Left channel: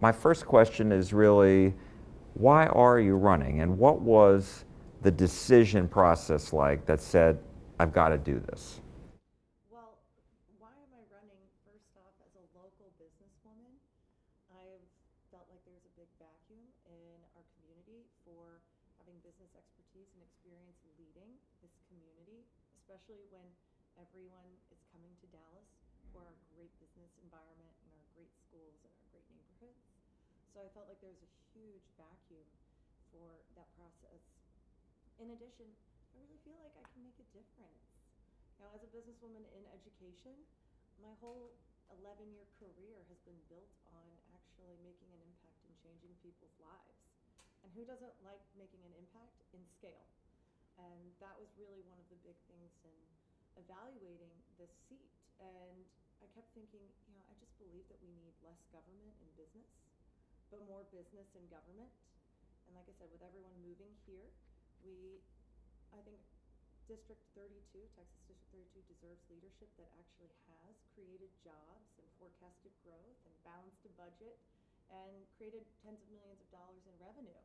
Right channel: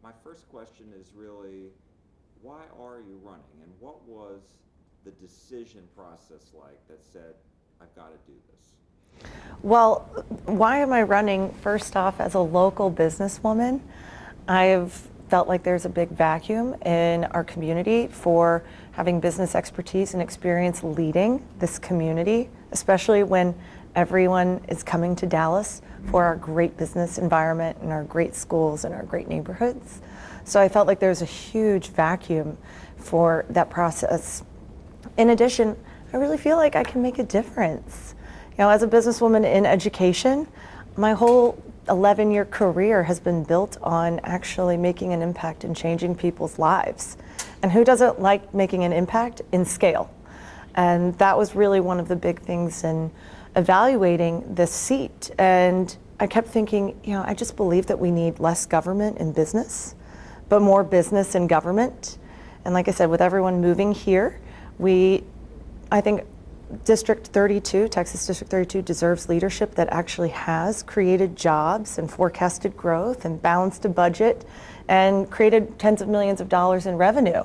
my first question is really, why are you running? And what was the decision process like that said, I've got to do this? Well, why am I running? First off, as a local businesswoman, I've felt like there's a big vacuum in our community for having business expertise and experience leading this community, especially when everyone is coming to Dallas for our great business environment and our great schools and our great neighborhoods. So I felt like there's a huge vacuum for that process. In addition, I really feel like I can make a difference. You know, as a businesswoman in education, my whole 11-year career has been built on actually making an impact and changing people's lives. And who doesn't like making an impact in scale? And that was really one of the big things in evaluating this seat. And I kept thinking, you know, I just believe that we need less government in business, but more business in government. And like I said, with everyone moving here, I think District 32, Texas District 32 deserves leadership that actually has created jobs and forecasted growth and balanced a budget and created tens of millions of dollars in revenue.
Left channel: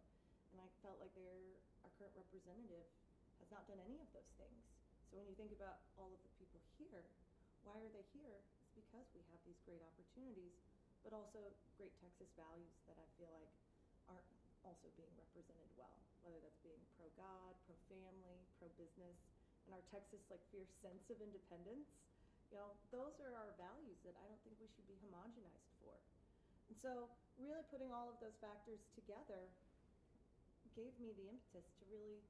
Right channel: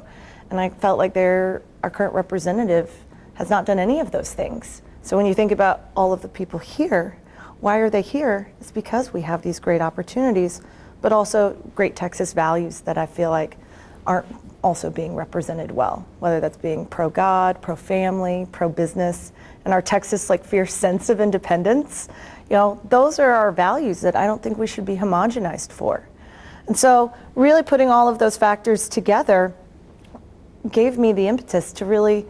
And I felt like our current representative has not done any of those things. So when you think about all of the people here, why are they here? It's because we have these great opportunities, but also great Texas values that I feel like aren't also being represented well, whether that's being pro-God, pro-family, pro-business, and our Texas fierce sense of independence. You know, those are our values that I don't think we should be homogenized for. And so really putting all of those factors together gave me the impetus to really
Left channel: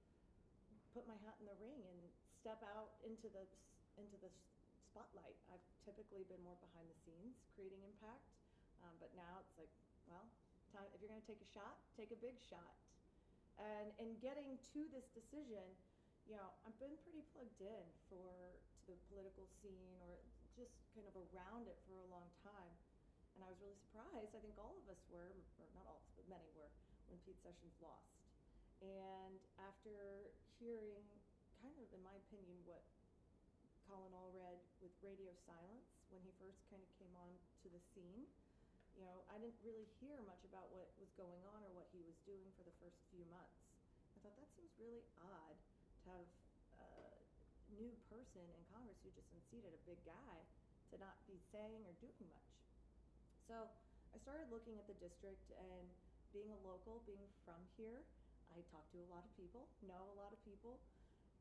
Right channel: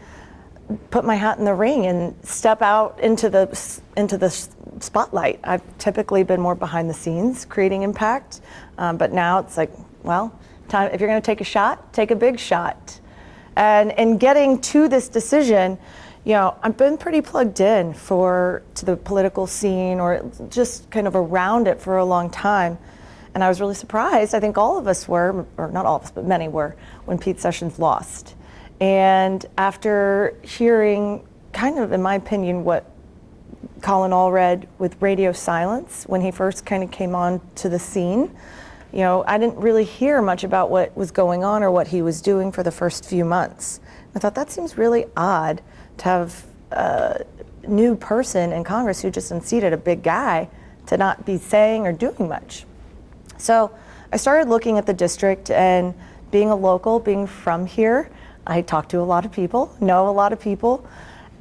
put my hat in the ring and step out into the spotlight. I've typically been more behind the scenes creating impact, but now it's like, well, if you're going to take a shot, take a big shot. And in getting to this decision, you know, I've been pretty plugged in to the political scene or just kind of around it for a long time. And I was really surprised, I think all of us were, or not all of us, but many were, when Pete Sessions lost. And after hearing kind of, in my opinion, what Colin Allred with radio silence, when he first kind of came on to the scene, you know, I didn't really hear much about what was going on or what he was doing for the first few months. I thought that seems really odd to have a new person in Congress who just unseated a big guy to not be saying or doing much. So I started looking at the district, and being a local, being from here, I talk to a lot of people, know a lot of people,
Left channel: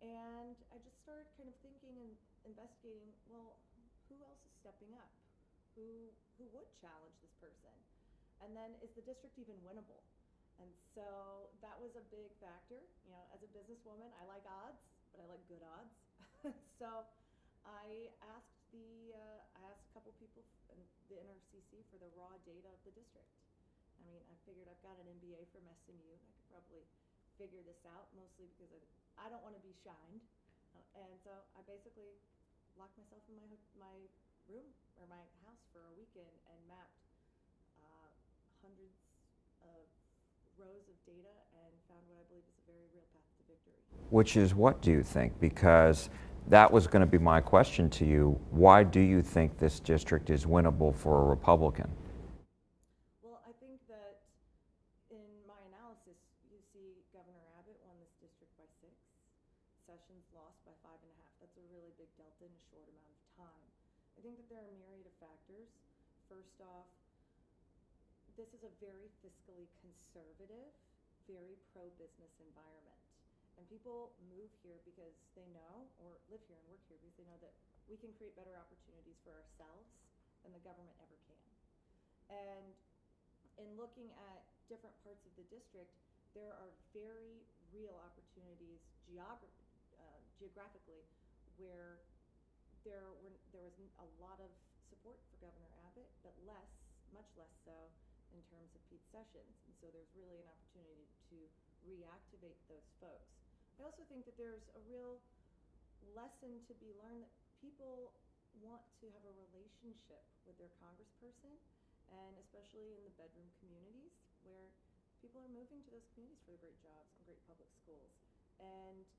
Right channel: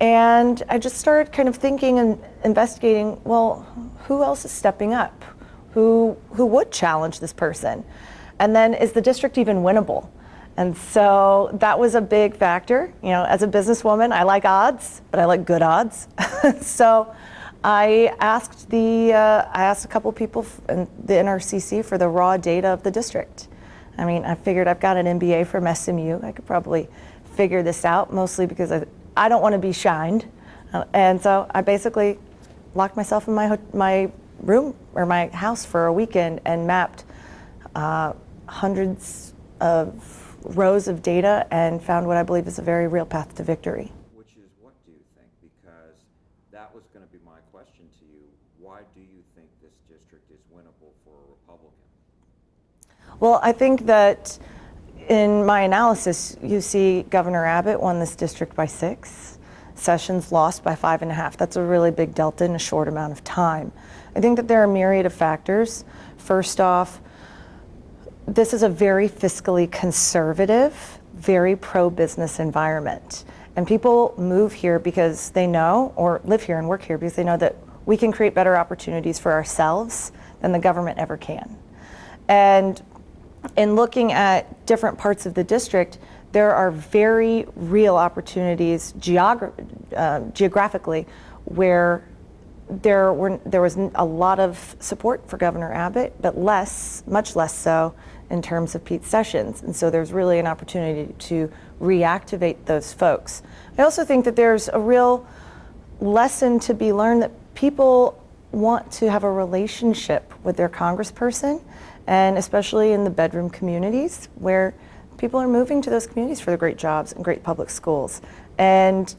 and I just started kind of thinking and investigating, well, who else is stepping up? Who would challenge this person? And then, is the district even winnable? And so that was a big factor. You know, as a businesswoman, I like odds, but I like good odds. So I asked a couple people in the NRCC for the raw data of the district. I mean, I figured I've got an MBA from SMU. I could probably figure this out, mostly because I don't want to be shined. And so I basically locked myself in my room or my house for a weekend and mapped hundreds of rows of data and found what I believe is a very real path to victory. Which is what do you think? Because that was going to be my question to you. Why do you think this district is winnable for a Republican? Well, I think that in my analysis, you see Governor Abbott won this district by 6. Sessions lost by 5.5. That's a really big delta in a short amount of time. I think that there are a myriad of factors. First off, this is a very fiscally conservative, very pro-business environment. And people move here because they know, or live here and work here because they know that we can create better opportunities for ourselves than the government ever can. And in looking at different parts of the district, there are very real opportunities geographically where there was a lot of support for Governor Abbott, but much less so in terms of Pete Sessions. And so there's really an opportunity to reactivate those folks. I also think that there's a real lesson to be learned that people want to have a relationship with their congressperson, and especially in the bedroom communities where people are moving to those communities for the great jobs and great public schools. And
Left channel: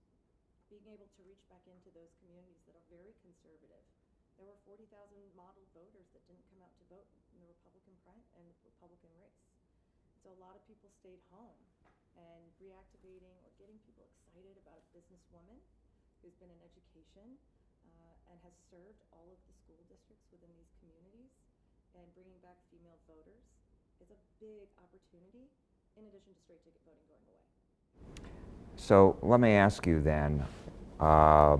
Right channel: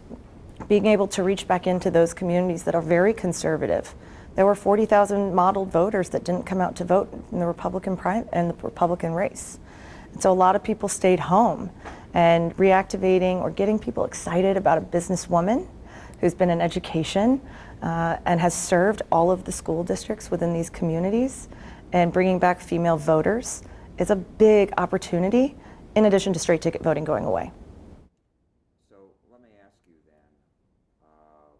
being able to reach back into those communities that are very conservative, there were 40,000 modeled voters that didn't come out to vote in the Republican race. And so a lot of people stayed home, and reactivating or getting people excited about a businesswoman who's been in education and has served all of the school districts within these communities, and bringing back female voters is a big opportunity, in addition to straight ticket voting going away. So let me ask you then, how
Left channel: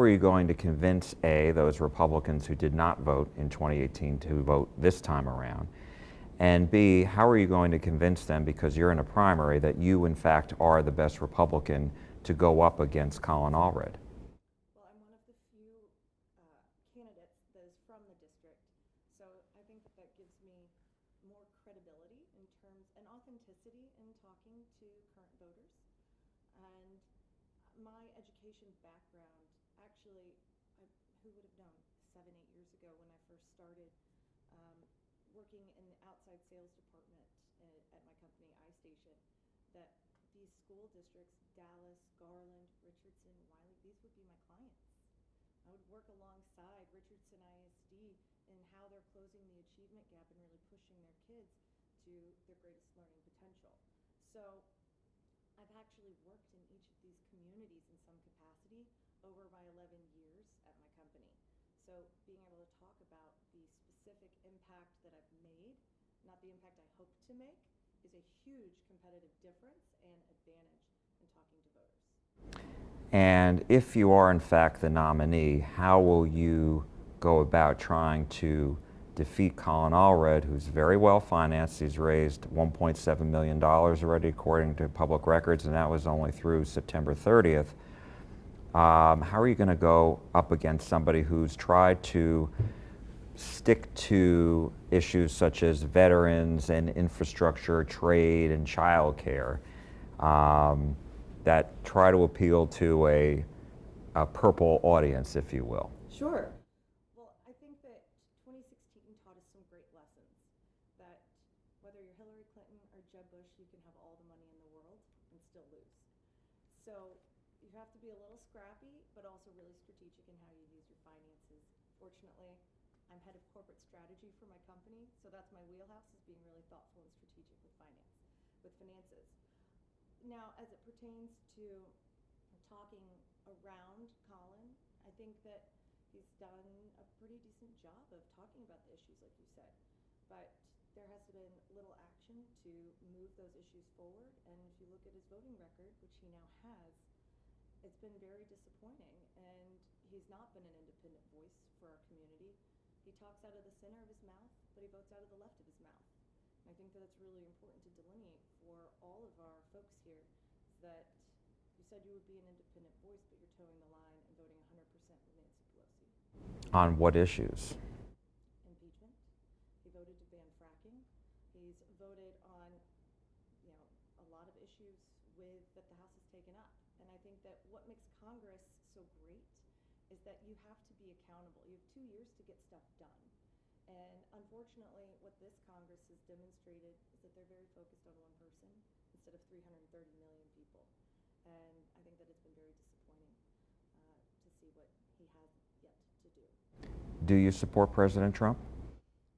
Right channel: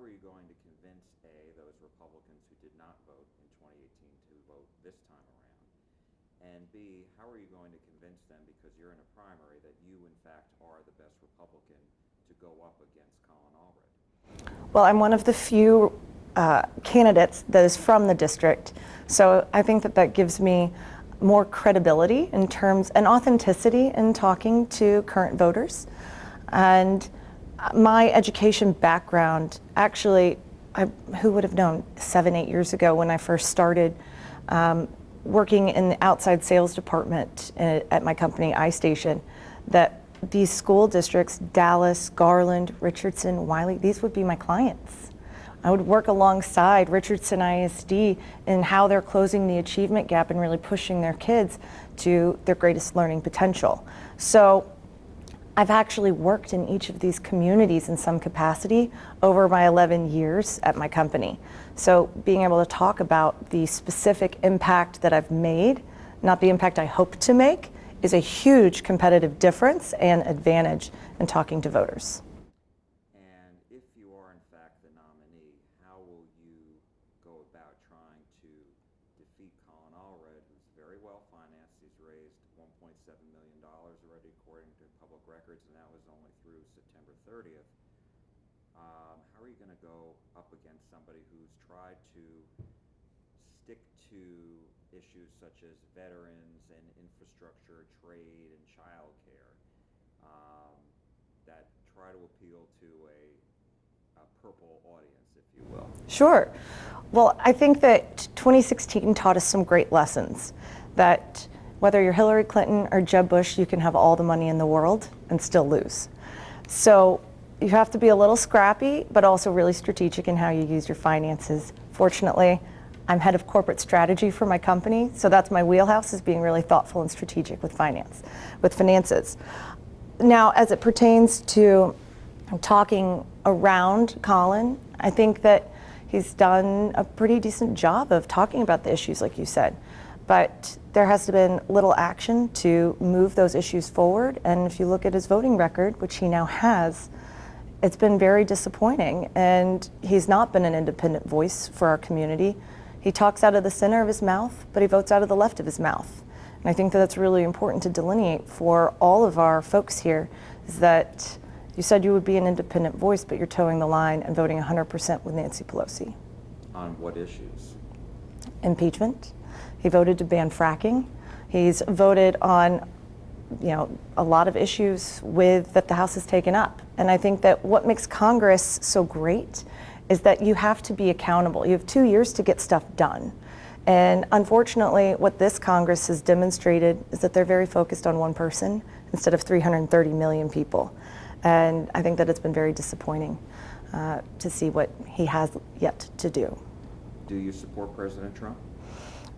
are you going to convince those Republicans who did not vote in 2018 to vote this time around? And B, how are you going to convince them, because you're in a primary, that you in fact are the best Republican to go up against Colin Allred? Well, I'm one of the few candidates that is from the district, so I think that gives me more credibility in terms and authenticity in talking to current voters. And my education background, actually, who would have known 7-8 years ago when I first started working in the outside sales department at my company, iStation, that these school districts, Dallas, Garland, Richardson, Wiley, these would be my clients. I would work alongside Richardson ISD in how they're closing the achievement gap and really pushing their kids to their greatest learning potential. So I've actually worked in each of these communities in some capacity over my 11 years at my company. So being able to talk about the specific impact that I've made, not the impact I hope to make, is a huge competitive difference and advantage in talking to voters. And if you are in fact the nominee, how will you go about trying to defeat Colin Allred, who's very well financed? He's raised $1.7 million already according to public records, and that was only through September 30th. How are you going to go up against somebody who's tried to stick to issues such as veterans and infrastructure, trade, and child care that try to appeal to a purple audience, if you will? Sure. Well, I think that 2016 taught us some great lessons, that whether you're Hillary Clinton or Jeb Bush, you can have all the money in the world and still lose. So you have to be a little scrappy, but also really strategic in how you use your finances. Fortunately, I'm head of corporate strategy for my company, so that's my wheelhouse, is being really thoughtful and strategic with finances. Now, as it pertains to talking around Colin, I think that he's done a pretty decent job of talking about the issues, like you said. But there has been little action to move those issues forward. And if you look at his voting record, which he now has, it's been very disappointing. And he's not been an independent voice for our community. He talks out of the center of his mouth, but he votes out of the left of his mouth. And I think that that's really important to delineate for all of our folks here, is that you said you would be an independent voice, but you're towing the line and voting 100% with Nancy Pelosi. On what issues? Impeachment. He voted to ban fracking. He's voted on, a lot of issues that the House has taken up. And I think that what makes Congress so great is that you have to be accountable. You have 2 years to get stuff done. And unfortunately, what this Congress has demonstrated is that they're very focused on one person instead of 330 million people. And I think that it's been very disappointing to see what he has yet to do. Do you support President Trump?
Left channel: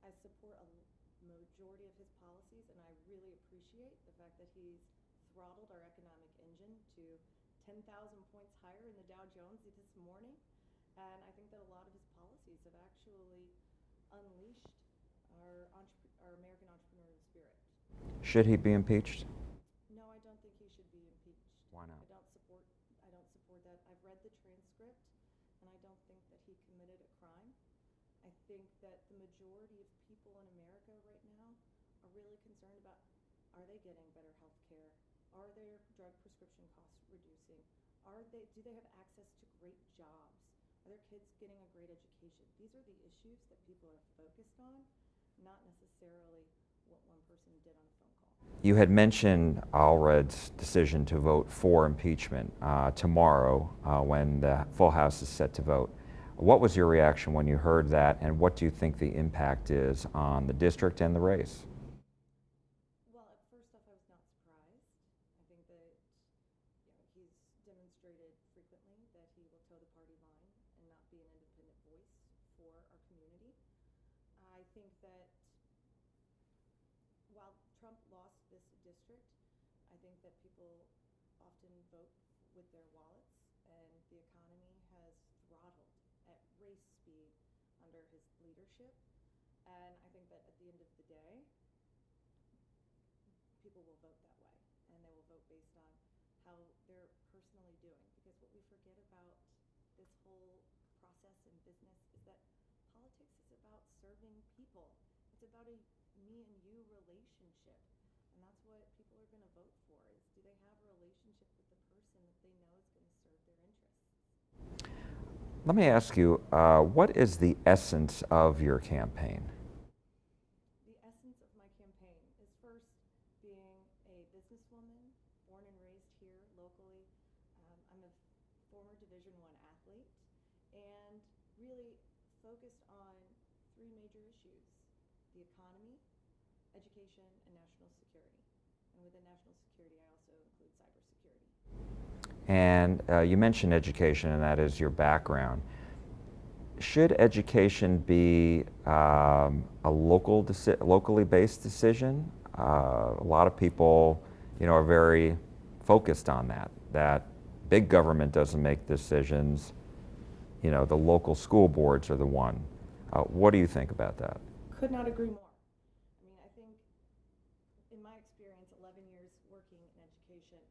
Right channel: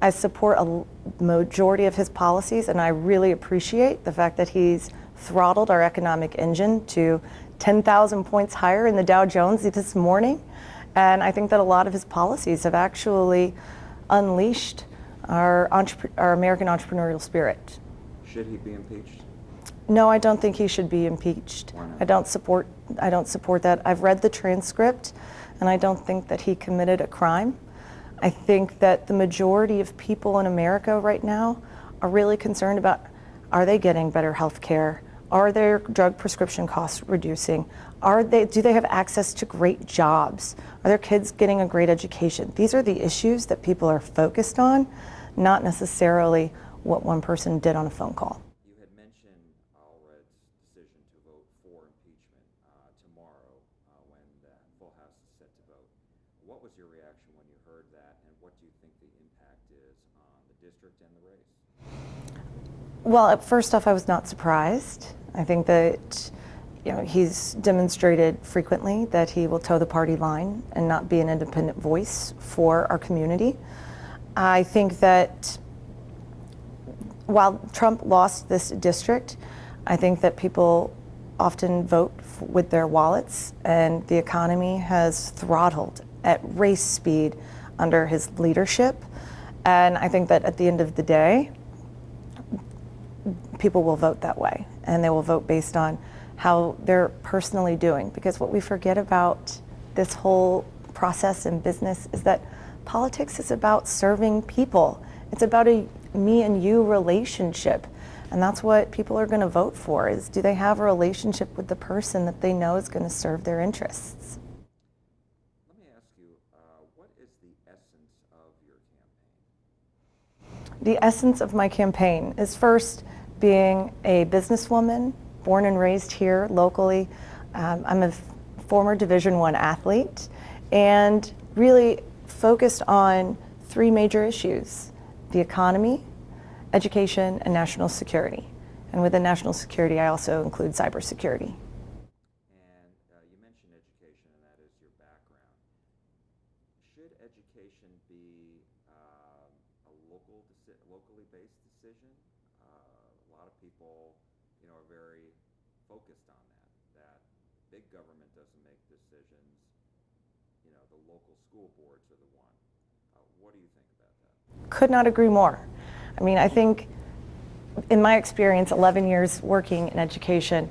I support a majority of his policies, and I really appreciate the fact that he's throttled our economic engine to 10,000 points higher in the Dow Jones this morning. And I think that a lot of his policies have actually unleashed our American entrepreneurial spirit. Should he be impeached? No, I don't think he should be impeached. Why not? I don't support that. I've read the transcript, and I don't think that he committed a crime. I think that the majority of people in America right now are really concerned about, are they getting better health care? Are their drug prescription costs reducing? Do they have access to great jobs? Are their kids getting a great education? These are the issues that people are focused on, not necessarily what one person did on a phone call. You had mentioned Allred's decision to vote for impeachment tomorrow when the full House is set to vote. What was your reaction when you heard that, and what do you think the impact is on the district and the race? Well, first off, I was not surprised. I think that he's demonstrated frequently that he will toe the party line and not be an independent voice for our community. I think that while Trump lost this district, I think that people often vote with their wallets, and the economy has throttled at race speed under his leadership. And I think that at the end of the day, people will vote that way, and they will vote based on how they're personally doing. Because what we forget about this whole process in business is that politics is about serving people. It's about a me and you relationship. And that's what people are going to vote for, is do they have a relationship with the person that they know is going to serve their interests? Let me ask you, what is the essence of your campaign? The essence of my campaign is first being a businesswoman, born and raised here locally. I'm a former Division I athlete, and really focused on three major issues: the economy, education, and national security. And within national security, I also include cybersecurity. And you mentioned education, and that is your background. Should education be a locally based decision? A lot of people, are very focused on that big government doesn't make decisions. The local school boards are the one. What do you think about that? Could not agree more. I mean, I think in my experience, 11 years working in education,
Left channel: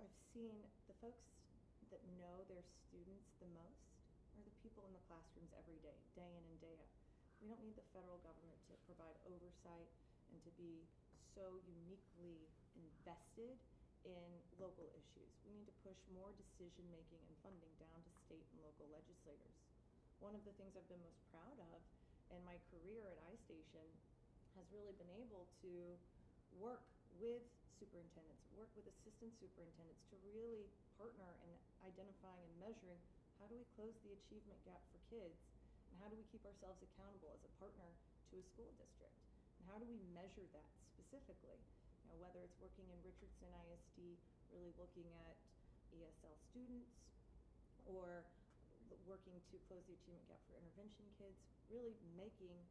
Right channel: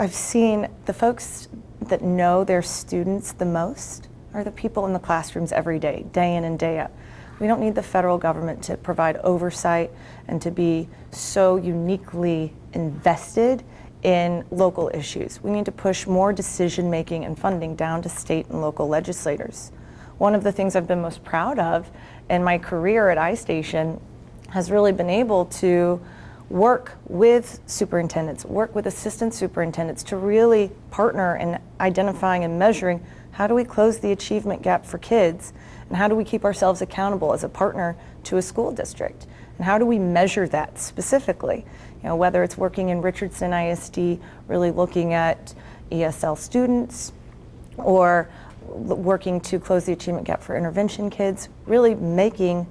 I've seen the folks that know their students the most are the people in the classrooms every day, day in and day out. We don't need the federal government to provide oversight and to be so uniquely invested in local issues. We need to push more decision-making and funding down to state and local legislators. One of the things I've been most proud of in my career at iStation has really been able to work with superintendents, work with assistant superintendents to really partner in identifying and measuring how do we close the achievement gap for kids, and how do we keep ourselves accountable as a partner to a school district, and how do we measure that specifically? Whether it's working in Richardson ISD, really looking at ESL students, or working to close the achievement gap for intervention kids, really making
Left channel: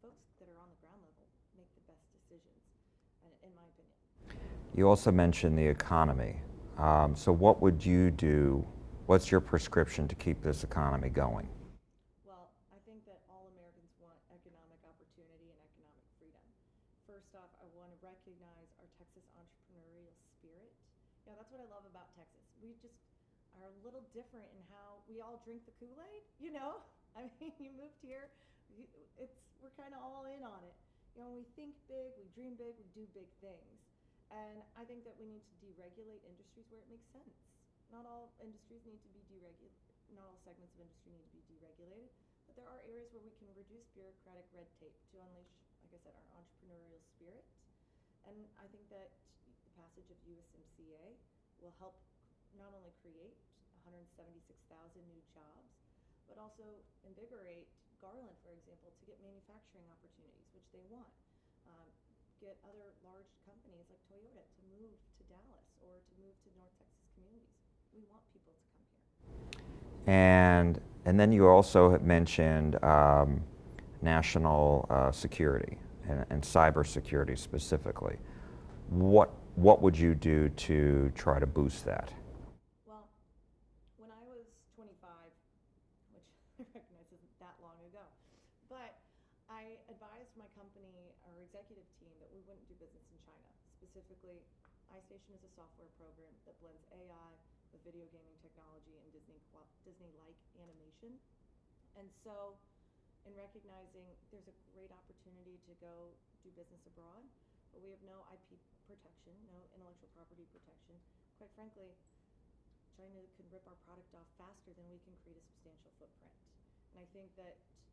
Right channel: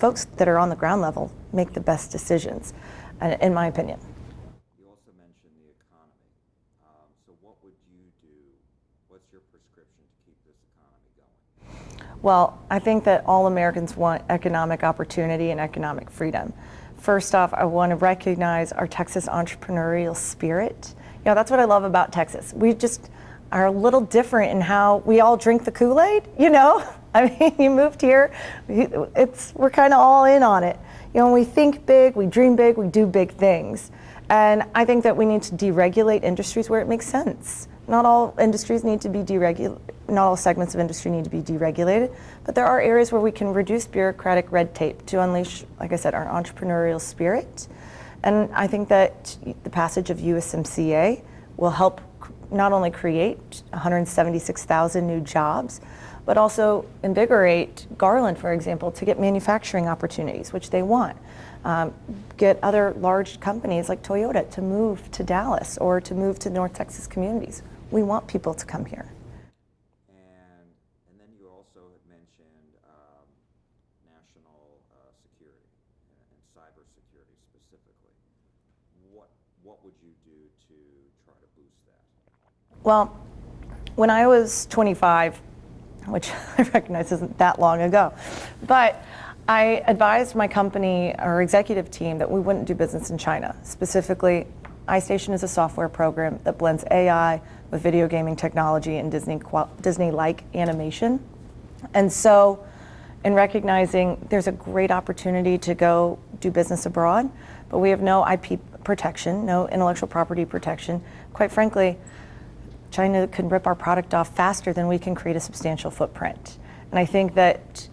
folks that are on the ground level make the best decisions, in my opinion. You also mentioned the economy. So what would you do? What's your prescription to keep this economy going? Well, I think that all Americans want economic opportunity and economic freedom. First off, I want to recognize our Texas entrepreneurial spirit. That's what I love about Texas. We just are a little different in how we all drink the Kool-Aid, I mean, you moved here, we're kind of all in on it. When we think big, we dream big, we do big things. And I think that we need to deregulate industries where it makes sense. Not all industries need to be not all segments of industry need to be deregulated, but there are areas where we can reduce bureaucratic red tape to unleash, like I said, our entrepreneurial spirit. And I think that the passage of USMCA will help not only create 176,000 new jobs, but also invigorate Garland, for example, to get manufacturing opportunities, which they want. Get other large companies like Toyota to move to Dallas or to move to North Texas communities. We want people to come here. And then you also have mentioned national security and cybersecurity specifically. What would you do to try to boost that? Well, when I was 25, which I recognize isn't that long ago, but I advised my company, our executive team, that we wouldn't do business in China. Specifically, iStation is a software program that blends AI with video gaming technology and Disney-like animation. And so, in recognizing there's a great opportunity to go do business abroad, but we have no IP protection, no intellectual property protection. Quite frankly, China can rip our product off faster than we can create a substantial footprint. And I think that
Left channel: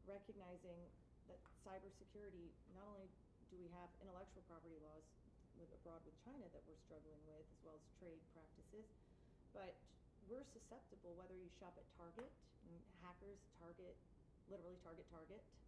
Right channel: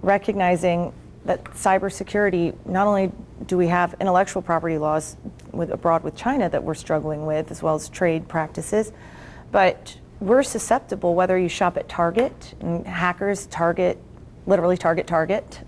recognizing that cybersecurity, not only do we have intellectual property laws abroad with China that we're struggling with, as well as trade practices, but we're susceptible whether you shop at Target, and hackers literally target,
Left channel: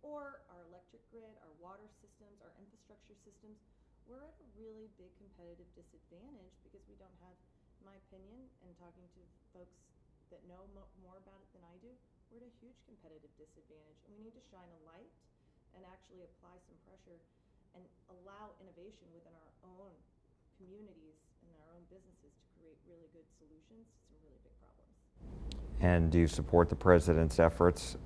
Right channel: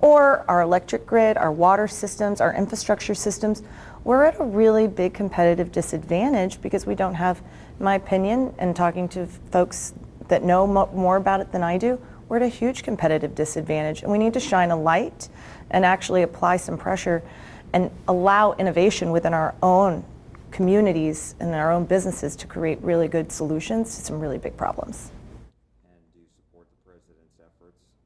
or our electric grid, our water systems, our infrastructure systems. we're at a really big competitive disadvantage because we don't have, in my opinion, and talking to folks that know more about it than I do, we're at a huge competitive disadvantage, and we need to shine a light and actually apply some pressure and allow innovation within our own communities and our own businesses to create really good solutions to some really big problems. And do you support the president's efforts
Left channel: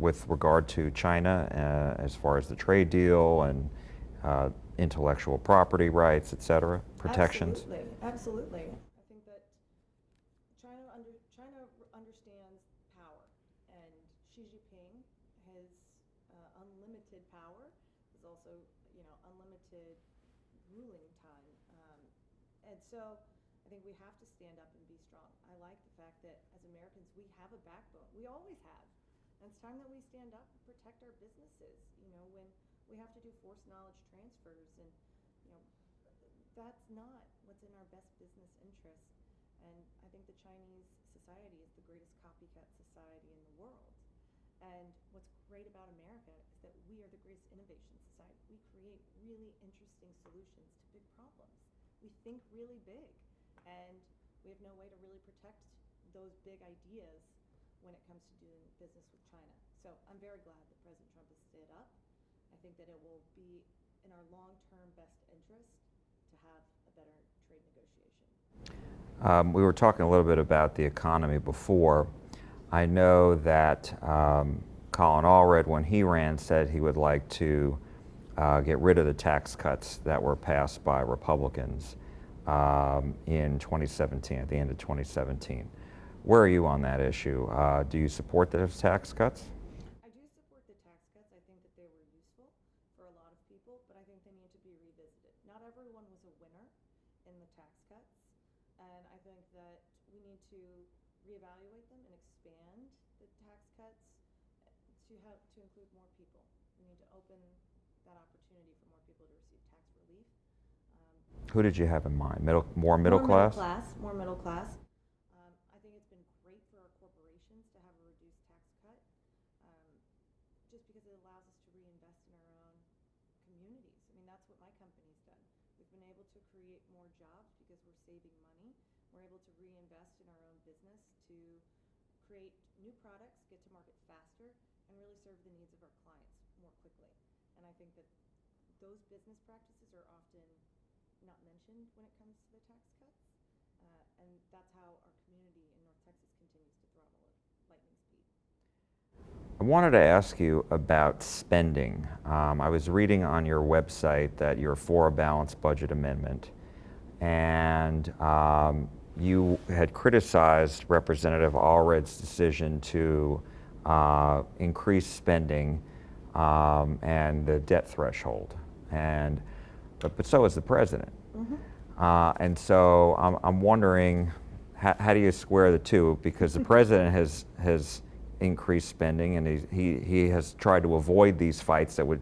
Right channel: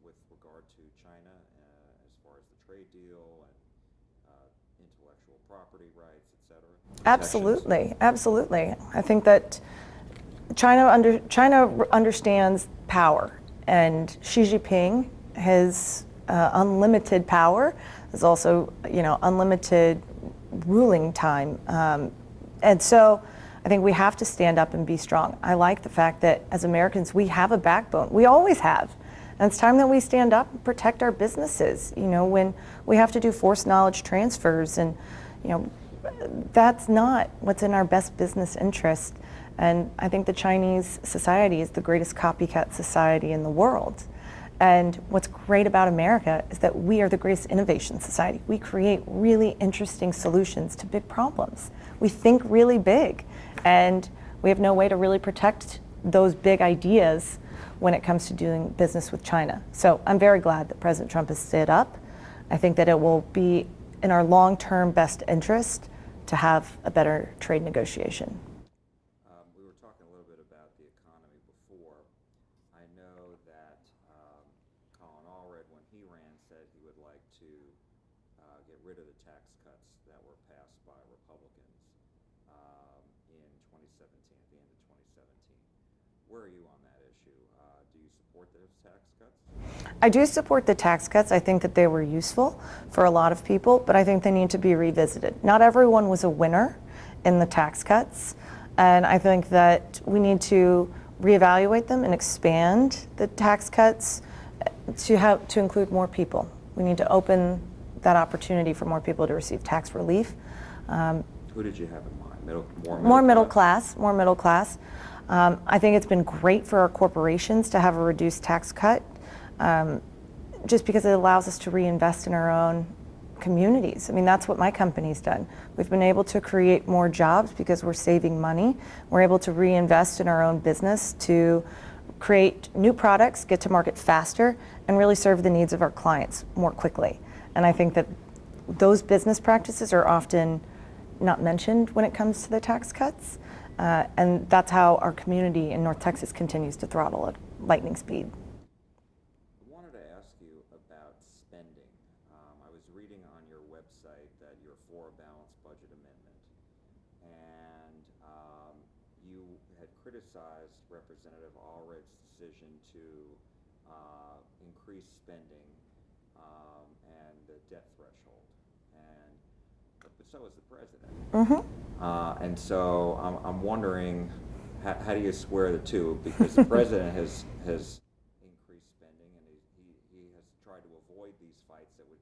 with regard to China as far as the trade deal and intellectual property rights, et cetera? Absolutely, absolutely. I think that China understands power, and Xi Jinping has unlimited power. There's also, unlimited ruling time, and so I think we have to stand up and be strong. I like the fact that as Americans we have a backbone. We always have, and it's time that we stand up and protect our businesses. When we have to do forced knowledge transfers, and that's not what's in our best business interest. And I think the Chinese society is the greatest copycat society in the world. And what's great about America is that we are the greatest innovation society. We create really interesting solutions to big problems. We think really big, and we have no way to really protect those big ideas when it comes to doing business with China. So I'm very glad that President Trump has stood up. I think that it will be in our long-term best interest to have a better trade negotiation. We were talking a little bit about the economy before. I know that Colin Allred, when he ran, said he would like to get rid of the tax cuts that were passed by Republicans in 2017, at the end of 2017. Where are you on that issue? Do you support those tax cuts? I do support the tax cuts. I think that they were useful for a lot of people, but I think they need to be revisited. Not everyone was a winner in the tax cuts, and I think that we need to reevaluate them and expand the tax cuts to include more people. We need to open that opportunity for more people to receive tax relief. Who did you have in mind? More middle class? More middle class. I think it's been great for our corporations to have a reduced tax cut, just because it allows us to reinvest in our own communities. I mean, that's what my company's done. We've been able to create more jobs because we're saving money. We're able to reinvest in our own business to create new products, get to market faster, and really serve the needs of our clients more quickly. And I think that those business practices are often not mentioned when it comes to the tax cuts. And that's how our community in North Texas continues to throttle at lightning speed. I wanted to ask you about spending. I was reading on your website that you're for a balanced budget amendment, and you had criticized Representative Allred's decision to increase spending and the debt threshold, but so is the president. Mm-hmm. And so I'm wondering, how do you square the two? Because the president has increased spending, and he has tried to avoid these fights that would,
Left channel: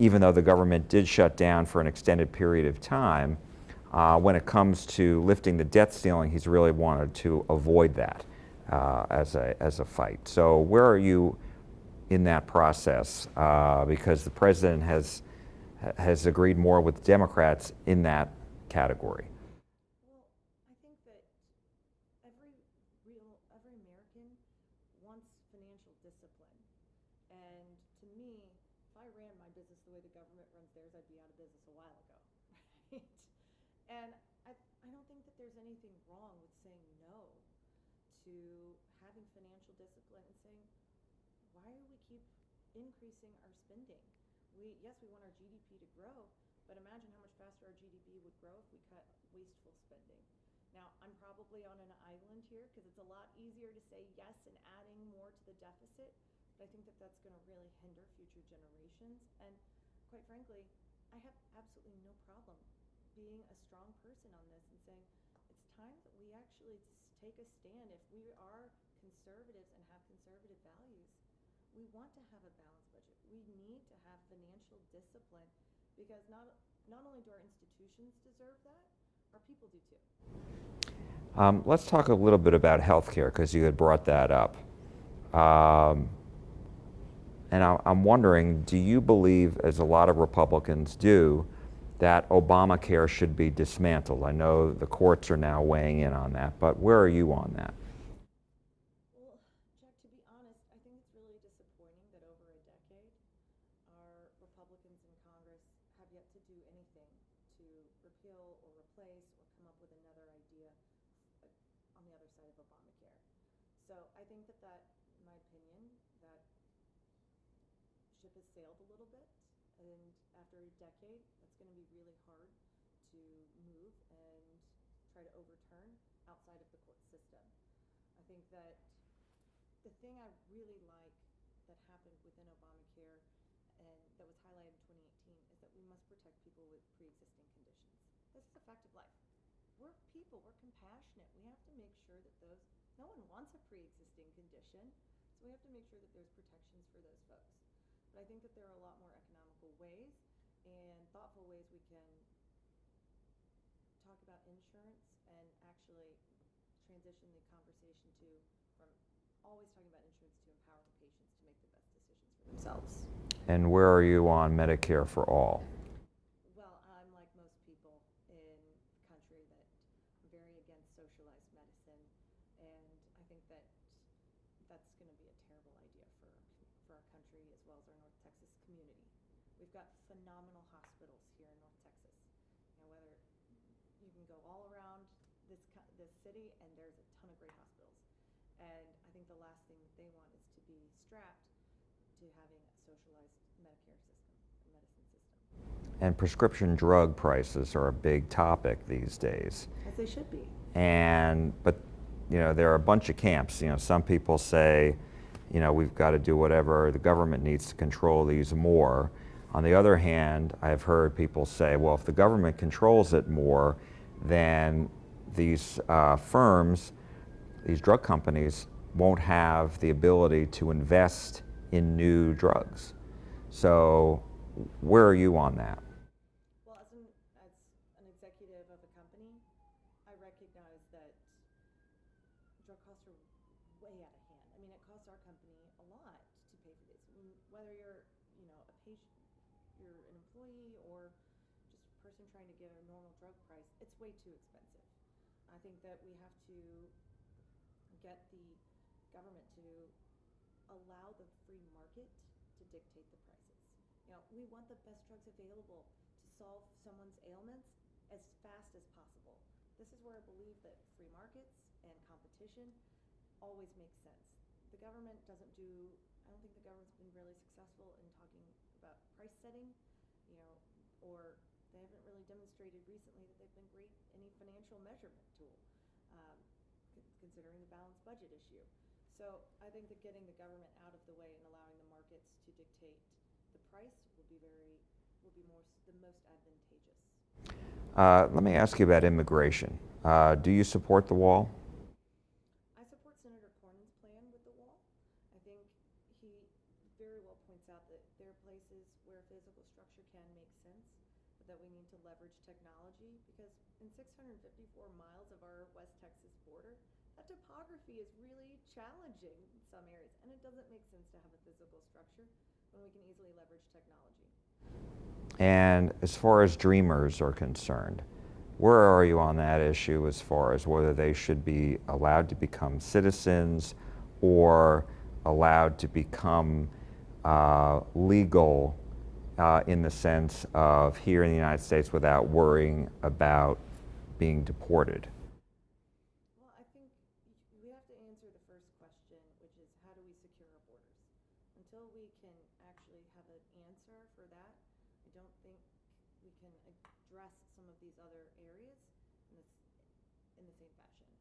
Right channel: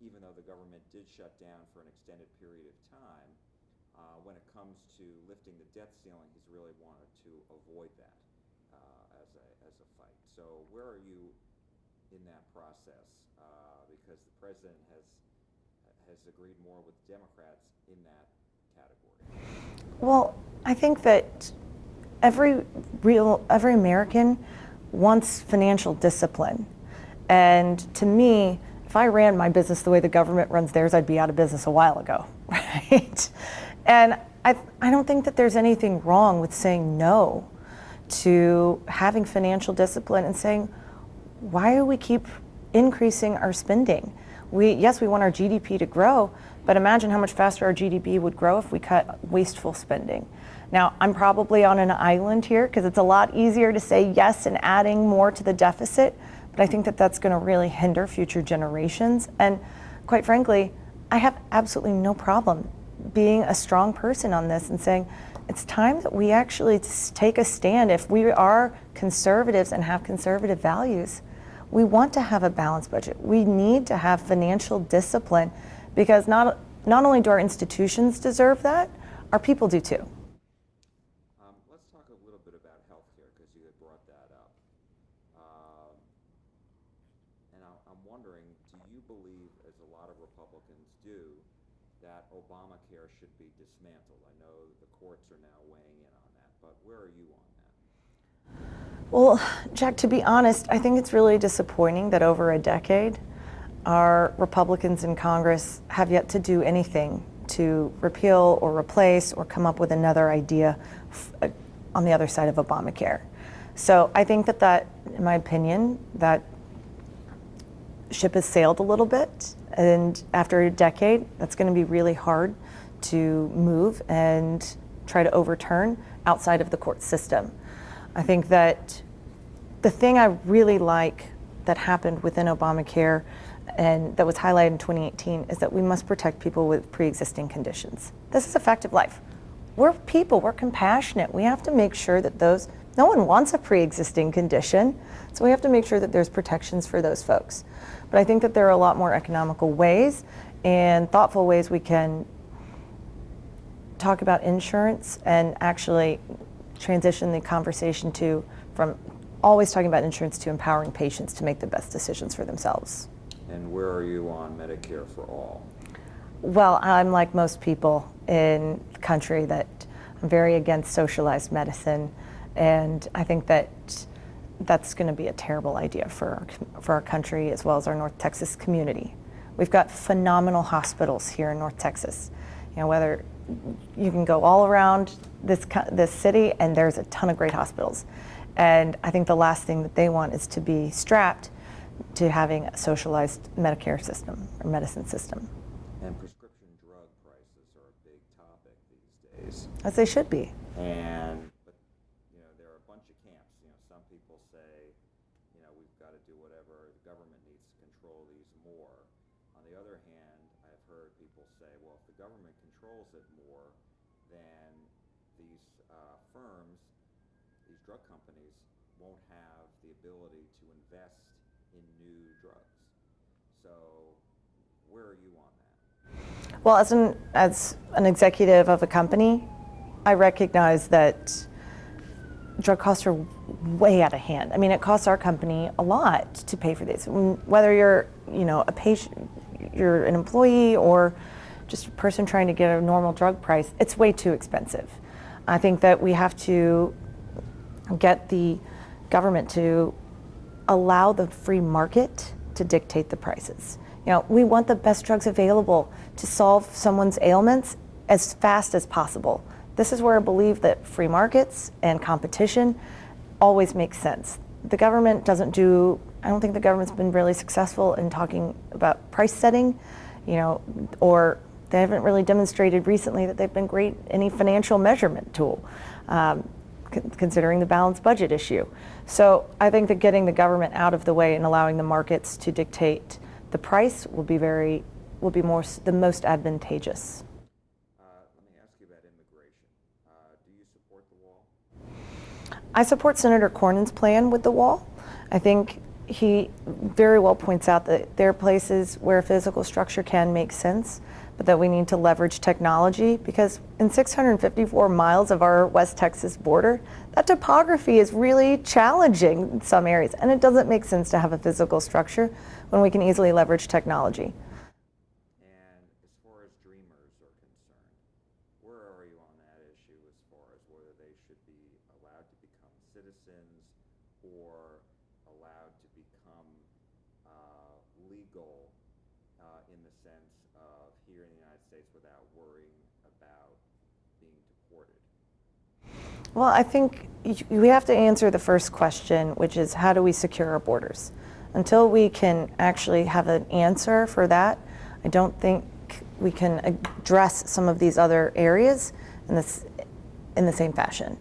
even though the government did shut down for an extended period of time, when it comes to lifting the debt ceiling, he's really wanted to avoid that as a fight. So where are you in that process? Because the president has agreed more with Democrats in that category. Well, I think that every American wants financial discipline. And to me, if I ran my business the way the government runs theirs, I'd be out of business a while ago, right? And I don't think that there's anything wrong with saying no to having financial discipline and saying, why do we keep increasing our spending? Yes, we want our GDP to grow, but imagine how much faster our GDP would grow if we cut wasteful spending. Now, I'm probably on an island here because it's a lot easier to say yes and adding more to the deficit, but I think that that's going to really hinder future generations. And quite frankly, I have absolutely no problem being a strong person on this and saying it's time that we actually take a stand. If we are conservatives and have conservative values, we want to have a balanced budget. We need to have financial discipline because not only do our institutions deserve that, our people do too. Let's talk a little bit about healthcare, because you had brought that up. And I'm wondering, do you believe, as a lot of Republicans do, that Obamacare should be dismantled? I know the courts are now weighing in on that, but where are you on that? Well, Jack, to be honest, I think it's really disappointing that over a decade, our Republicans in Congress have yet to do anything to repeal or replace or come up with another idea on the other side of Obamacare. So I think that, in my opinion, that ship has sailed a little bit, and after a decade, that's going to be really hard to move and try to overturn outside of the court system. I think that the thing I really like that happened within Obamacare and that was highlighted in 2018 is that we must protect people with pre-existing conditions. This is a fact of life. We're people, we're compassionate. We have to make sure that no one wants a pre-existing condition, so we have to make sure that there's protections for those folks. But I think that there are a lot more economical ways and thoughtful ways we can talk about insurance and actually transition the conversation from always talking about insurance to empowering patients to make the best decisions for themselves. And where are you on Medicare for all? Well, I'm like most people in the country that I'm very against socialized medicine, and I think that that's going to be a terrible idea for our country as well as our North Texas community. We've got phenomenal hospitals here in North Texas. You know, whether you can go all around this city, and there's a ton of great hospitals. And I think the last thing that they want is to be strapped to having a socialized Medicare system or medicine system. And prescription drug prices are a big topic these days. As they should be. But you know, there are a bunch of camps. You know, some people say, you know, we've got to do whatever, the government needs to control these more. On the other hand, I've heard people say, well, if the government controls it more, then these firms, these drug companies, won't have the ability to invest in new drugs. So where are you on that? Well, as an executive of a company, I recognize that drug costs are way out of hand. I mean, it costs our company a lot to pay for these. Whether you're, you know, a patient, you're an employee, or just a person trying to get a normal drug price, it's way too expensive. I think that we have to get the government to allow the free market to dictate the prices. You know, we want the best drugs available to solve someone's ailments as fast as possible. This is where I believe that free markets and competition always make sense. The government doesn't do, I don't think the government's been really successful in talking about price setting, you know, or they haven't really demonstrated recently that they've been great in any financial measurement tool, considering the balanced budget issue. So I think that getting the government out of the way and allowing the markets to dictate the price will be the most advantageous. Let me ask you about immigration. Do you support the wall? I support Senator Cornyn's plan with the wall. I think he very well points out that there are places where physical structure can make sense, but that we need to leverage technology, because in 654 miles of our West Texas border, that topography is really challenging in some areas, and it doesn't make sense to have a physical structure when we can easily leverage technology. And as far as dreamers are concerned, where are you on that issue as far as whether they should be allowed to become citizens or allowed to become legal in the sense of here in the United States without worrying about being deported? Well, I think we have to answer the first question, which is how do we secure our borders? Until we can actually have an answer for that, I don't think we can address some of these other areas in the same fashion.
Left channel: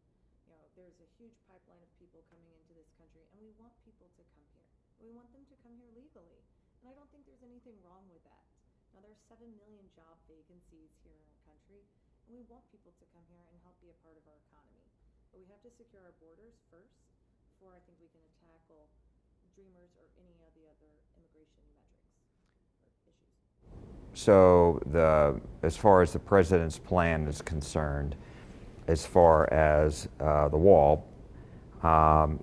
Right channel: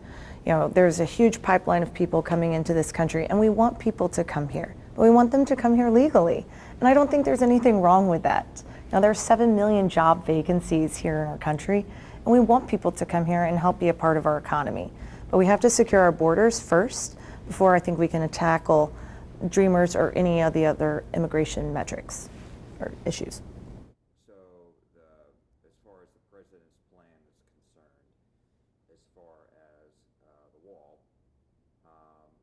You know, there's a huge pipeline of people coming into this country, and we want people to come here, but we want them to come here legally. And I don't think there's anything wrong with that. Now, there are 7 million job vacancies here in our country, and we want people to come here and help be a part of our economy. But we have to secure our borders first before I think we can tackle dreamers or any of the other immigration metrics or issues. So as far as the president's plan is concerned, as far as the wall,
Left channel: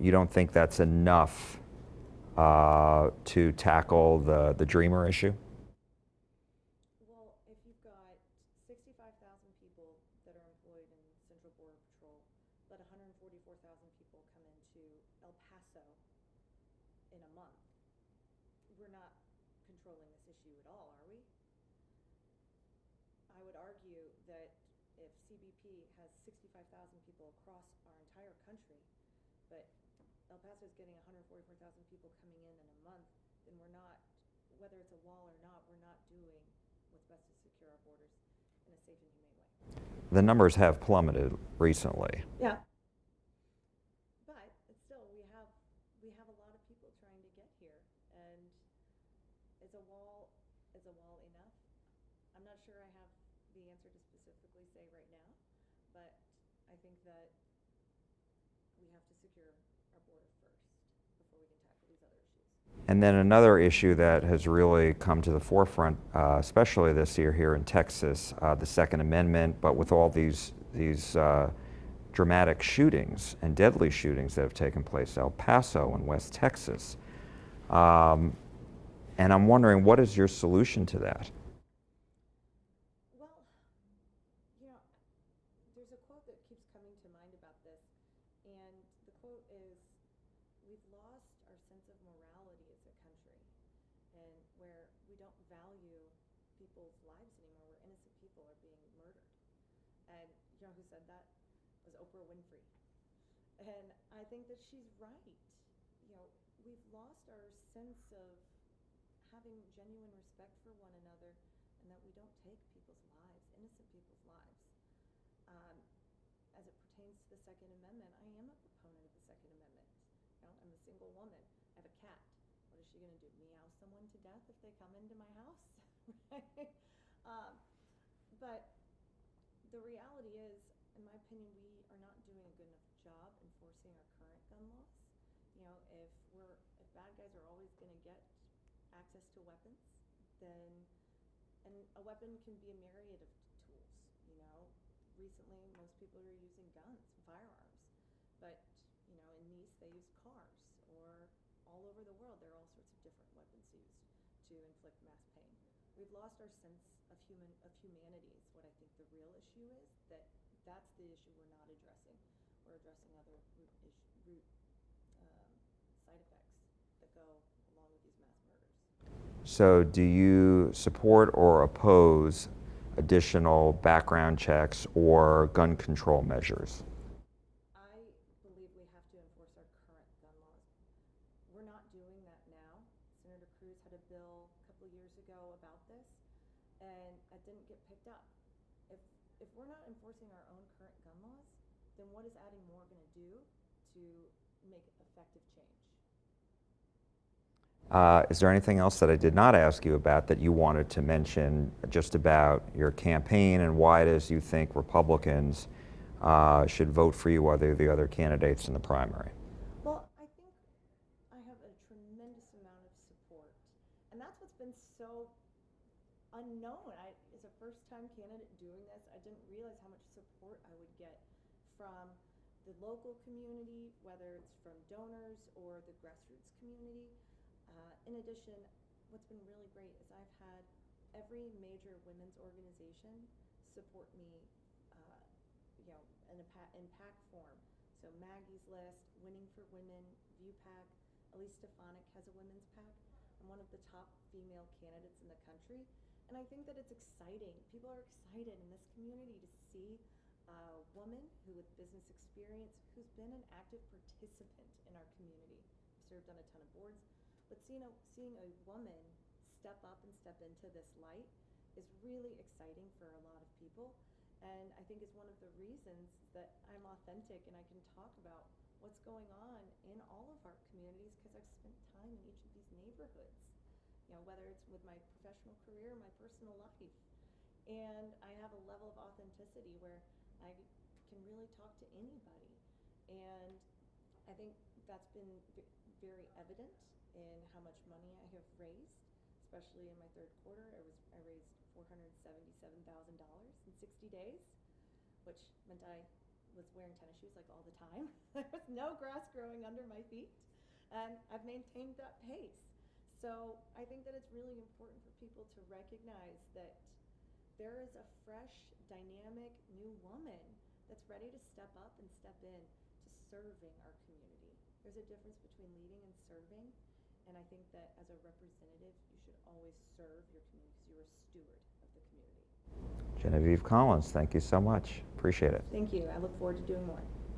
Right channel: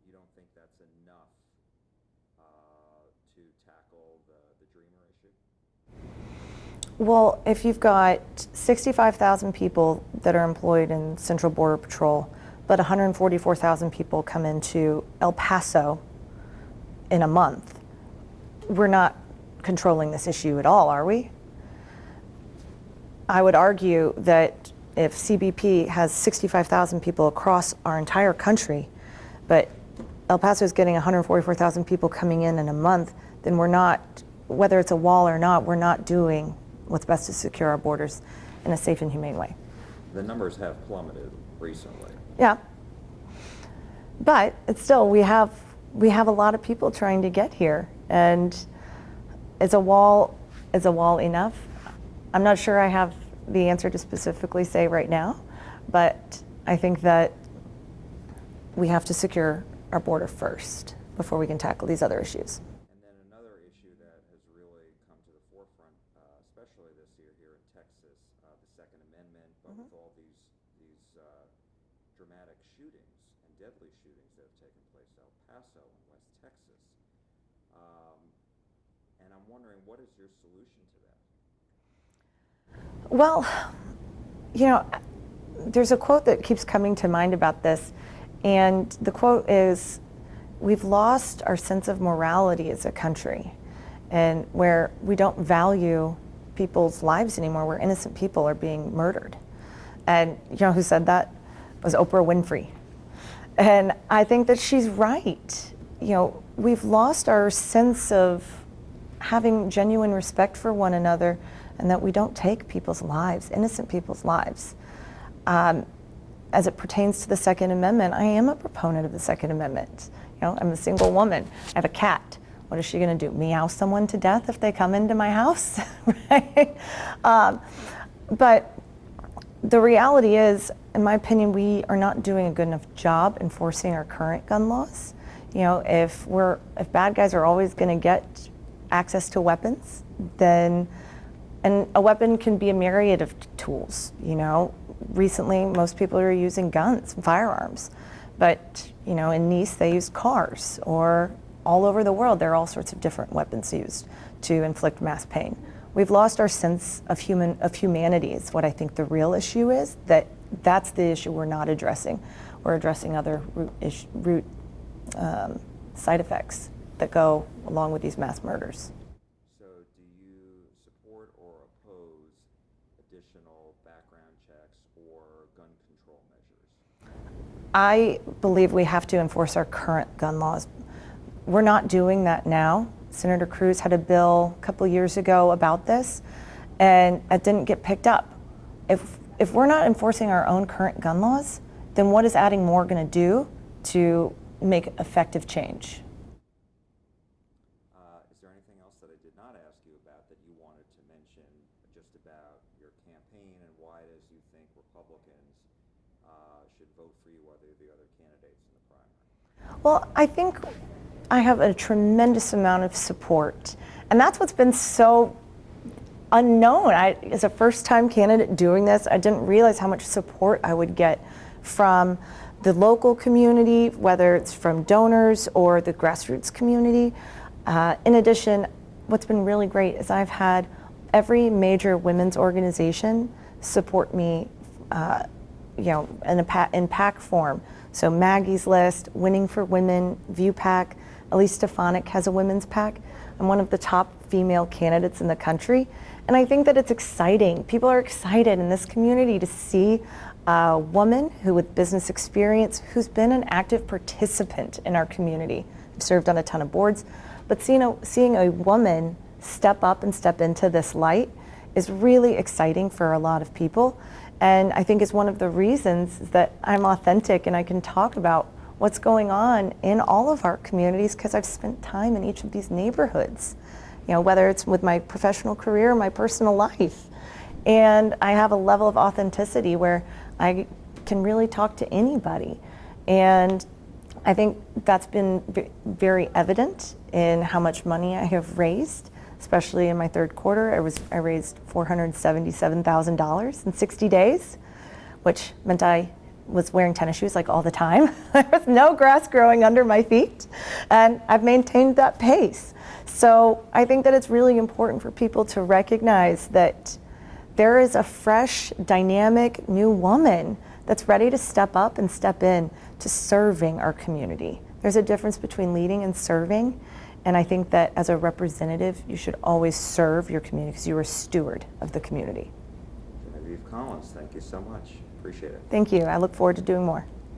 you don't think that's enough to tackle the Dreamer issue? Well, if you've got 65,000 people that are employed in Central Border Patrol, but 144,000 people come into El Paso in a month, we're not controlling this issue at all, are we? I would argue that if CBP has 65,000 people across our entire country, but El Paso is getting 144,000 people coming in a month, then we're not, whether it's a wall or not, we're not doing what's best to secure our borders in a safe and humane way. The numbers have plummeted recently. Yeah, but it's still, we have a lot of people trying to get here, and is a wall enough? I'm not sure I have the answer to specifically say right now, but I think that we have to secure our border first before we can tackle these other issues. And then another issue that has really come to the forefront, especially this year here in Texas, the Second Amendment, but with all these dramatic shootings and deadly shootings that have taken place, El Paso and West Texas. And I'm wondering, what is your solution to that? Well, you know, there's a quote that keeps coming to mind about this, and the quote is, "We've lost our sense of morality as a country, and where we don't value people's lives anymore, where innocent people are being murdered." And you know who said that? It was Oprah Winfrey. And I think that she's right. You know, we've lost our sense of having genuine respect for one another, and that we don't take people's lives, innocent people's lives. As it pertains to the Second Amendment, I am a proponent of the Second Amendment. You know, I'm a single woman. I have a cat. What is she going to do? Meow someone to death if they come into my house? Right? But the reality is, in my opinion, we are not doing a good enough job enforcing our current gun laws. You know, if bad guys are always going to get access to weapons, then, and a weapon can be a myriad of tools. You know, recently most people are using guns and firearms, but you know, in Nice they used cars, or all over the world there are all sorts of different weapons used to inflict mass pain. We've lost our sense of humanity is what I think the real issue is. That's the issue we're not addressing. We're addressing other root side effects that go along with these mass murders. So do you support or oppose additional background checks or gun control measures? I believe we have to enforce our current gun laws. We're not doing that now. Senator Cruz had a bill a couple years ago about this, and it didn't get picked up. If we're not enforcing our own current gun laws, then what is adding more going to do to make effective change? Is there anything else that I did not ask you about that you wanted to mention just about your campaign and why it is you think Republicans should vote for you other the other candidates in the primary? Well, I think I have a tremendous amount of support, and that's what's been so unknown. As a first-time candidate doing this, I didn't realize how much support I would get from the local community, whether it's from donors or the grassroots community. In addition, what's been really great is I've had every major women's organization support me, you know, in PAC form. So Maggie's List, Winning for Women, View PAC, Elise Stefanik has a women's PAC. I'm one of the top female candidates in the country. And I think that it's exciting. People are excited in this community to see a woman with business experience who's been an active participant in our community. I've served on a ton of boards. But seeing a woman step up and step into this light is really exciting for a lot of people. And I think it's one of the reasons that I'm authentic and I can talk about what's going on in all of our communities, because I've spent time in each of these neighborhoods, you know, whether it's with my professional career or my personal life. And I have a level of authenticity where I can really talk to anybody. And I think that's been very evident in how much money I have raised, especially in my third quarter. I raised $477,000 in 60 days, which meant I was wearing tennis shoes like all the time. There was no grass growing under my feet, and I've maintained that pace. So I think that it's really important for people to recognize that there is a fresh, dynamic, new woman that's ready to step up and step in to serving our community. There's a difference between leading and serving, and I think that as a representative, you should always serve your community because you're a steward of the community. Genevieve Collins, thank you so much. Appreciate it. Thank you. I look forward to doing more.